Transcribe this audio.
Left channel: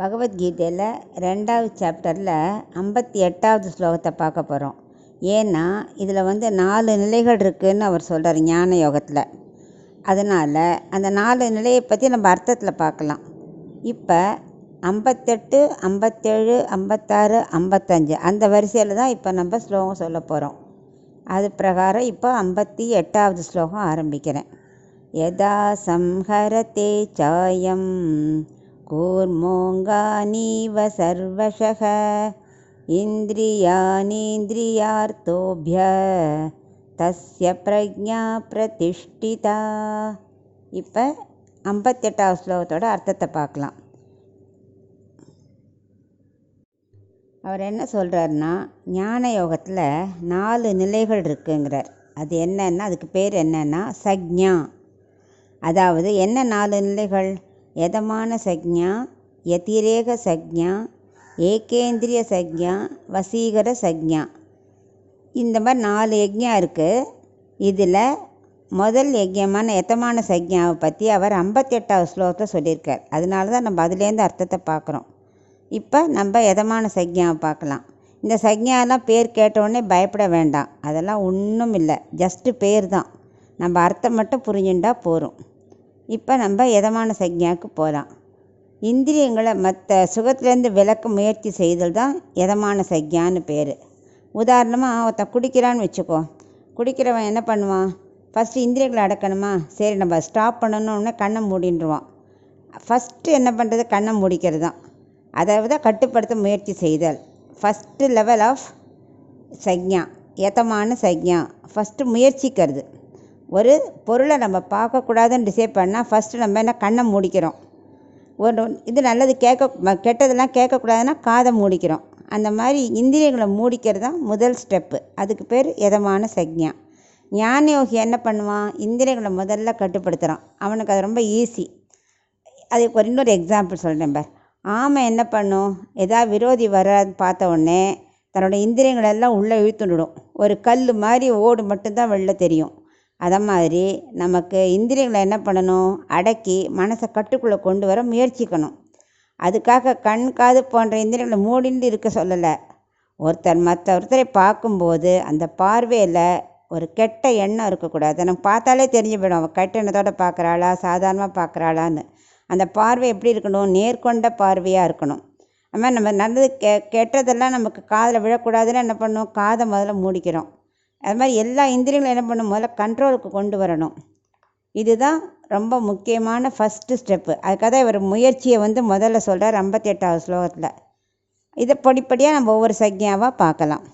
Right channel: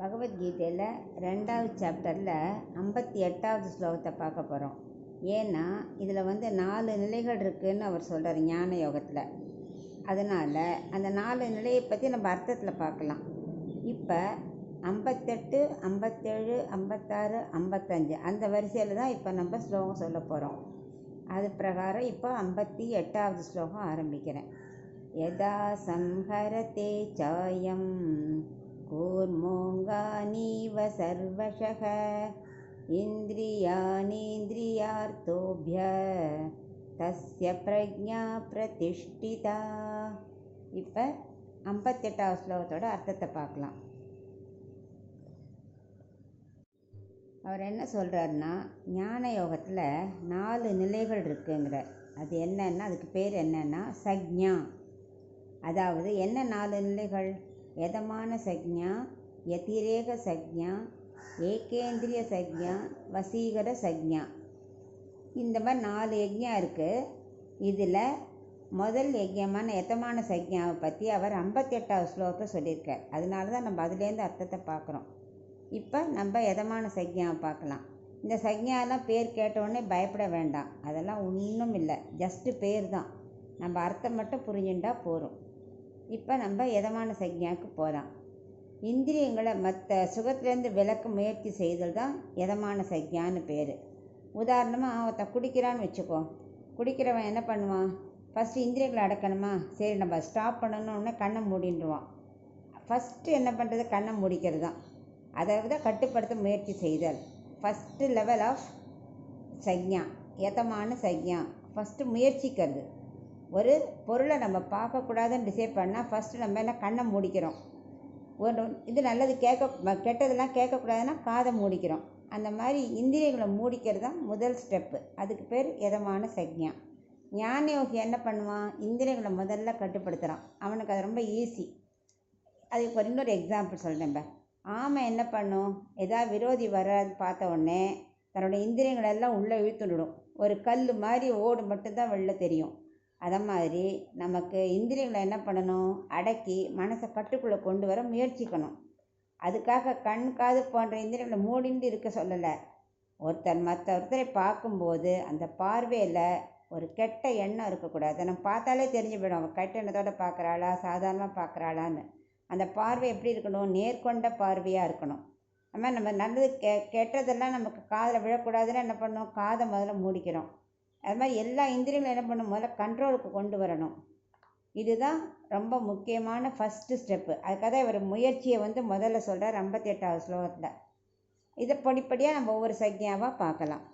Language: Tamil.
பகவத்கீதையில் 2வது சாப்டரில் 58வது ஸ்லோகத்தை பார்க்க போகிறோம். ஏன்னா இதில் 4 நிலைகள் இருக்குதுன்னு அவர் சொல்கிறார் ஞான யோகத்தில். அதனால் அந்த 4 நிலையை பற்றி நம்ம அர்த்தத்தில் பார்க்கலாம். இப்போ 58, 57, 56, 55 அந்த வரிசையில் தான் இப்போ நம்ம ஸ்லோகம் சொல்ல போகிறோம். அது பிரகாரம் இப்போ 58வது ஸ்லோகம் ஆரம்பிக்கிறேன். யதா சம்ஹரதே சாயம் கூர்மோங்கானீவ சர்வஷக இந்திரியானீந்திரியார்த்தோப்ய தஸ்ய பிரஜ்ஞா பிரதிஷ்டிதா. இப்போ 58வது ஸ்லோகத்தோட அர்த்தத்தை பார்க்கலாம். அவர் என்ன சொல்கிறாருன்னா, ஞான யோகத்தில் 4 நிலைகள் இருக்குங்கிறார். அது என்னன்னா, அதுக்கு பேர் என்னன்னா சக்ஞா. அதாவது என்ன 4 நிலைகள்? யதமான சக்ஞா, யதிரேக சக்ஞா, ஏகேந்திரிய சக்ஞா, வசீகர சக்ஞா. இந்த மாதிரி 4 யஜ்ஞா இருக்குது. இதில் முதல் யஜ்யமான யதமான சக்ஞாவை பற்றி அவர் 58வது ஸ்லோகத்தை சொல்லியிருக்கார். அதனால தான் நம்ம அதுலேருந்து அர்த்தத்தை பார்க்குறோம். இப்போ நம்ம யதமான சக்ஞாவை பார்க்கலாம். இந்த சக்ஞாலாம் பேர் கேட்டவுடனே பயப்பட வேண்டாம். அதெல்லாம் ஒன்றும் இல்லை, ஜஸ்ட்டு பேர் தான். நம்ம அர்த்தம் மட்டும் புரிஞ்சுட்டா போகிறோம். இப்போ நம்ம யதமான சக்ஞாவுக்கு போகலாம். இந்திரியங்களை மற்ற சுகத்துலேருந்து விலக்க முயற்சி செய்தல் தான் யதமான சக்ஞான்னு பேர். உதாரணமாக ஒருத்தன் குடிக்கிறான்னு வச்சுக்கோ. குடிக்கிறவன் என்ன பண்ணுவான்? ஃபஸ்ட்டு இந்திரியங்களை அடக்கணுமா? சரி நம்ம ஸ்டாப் பண்ணணுன்னு கண்ணை மூடின்றுவான். ஃபஸ்ட்டு என்ன பண்ணுறது? கண்ணை மூடிக்கிறது தான். அதாவது கட்டுப்படுத்த முயற்சி செய்தல் ஃபஸ்ட்டு லெவல் ஆஃப் சக்ஞா, யதமான சக்ஞா. ஃபஸ்ட்டு முயற்சிக்கிறது. ஒரு பொருளை நம்ம பார்க்கக்கூடாதுன்னு டிசைட் பண்ணால் ஃபஸ்ட்டு நம்ம என்ன கண்ணை மூடிக்கிறோம். ஒரு இது நல்லது கெட்டதெல்லாம் கேட்கக்கூடாதுன்னா காதை மூடிக்கிறோம். அந்த மாதிரி இந்திரியங்களை மூடிக்கிறது தான் முதல் ஸ்டெப்பு. அதுக்கு பேர் யதமான சக்ஞா. ஞான யோகி என்ன பண்ணுவான்? இந்திரியங்களை முதல்ல கட்டுப்படுத்துகிறான். அவனுக்கு அது ரொம்ப ஈஸி. அதுக்கு ஒரு இன்னொரு எக்ஸாம்பிள் சொல்கிறேன் பார். ஆமை என்ன பண்ணும்? ஏதாவது விரோதி வராது பார்த்த உடனே தன்னோட இந்திரியங்களெல்லாம் உள்ளே இழுத்துடும். ஒரு கல் மாதிரி ஓடு மட்டும்தான் வெளில தெரியும். அதை மாதிரி நமக்கு இந்திரியங்களை என்ன பண்ணணும்? அடக்கி மனசை கட்டுக்குள்ளே கொண்டு வர முயற்சிக்கணும். அதுக்காக கண் காது போன்ற இந்திரியங்களை மூடிண்டு இருக்க சொல்லலை. ஒருத்தரை பார்க்கும்போது அந்த பார்வையில் ஒரு கெட்ட எண்ணம் இருக்கக்கூடாது. நம்ம பார்த்தாலே தெரிஞ்சு போயிடும் அவன் கெட்ட எண்ணத்தோடு பார்க்குறாளா சாதாரணமாக பார்க்குறாளான்னு. அந்த பார்வை எப்படி இருக்கணும்? நேர்கொண்ட பார்வையாக இருக்கணும். அதுமாதிரி நம்ம நல்லது கெட்டதெல்லாம் நமக்கு காதில் விழக்கூடாதுன்னு என்ன பண்ணணும்? காதை முதல்ல மூடிக்கிறோம். அது மாதிரி எல்லா இந்திரியங்களும் என்ன பண்ணணும்? முதல்ல கண்ட்ரோலுக்கு கொண்டு வரணும். இதுதான் ரொம்ப முக்கியமான ஃபஸ்ட்டு ஸ்டெப்பு. அதுக்காக தான் இவர் முயற்சியை முதல்ல சொல்கிறார் 58வது ஸ்லோகத்தில். இதை படிப்படியாக நம்ம ஒவ்வொரு சக்ஞாவாக பார்க்கலாம்.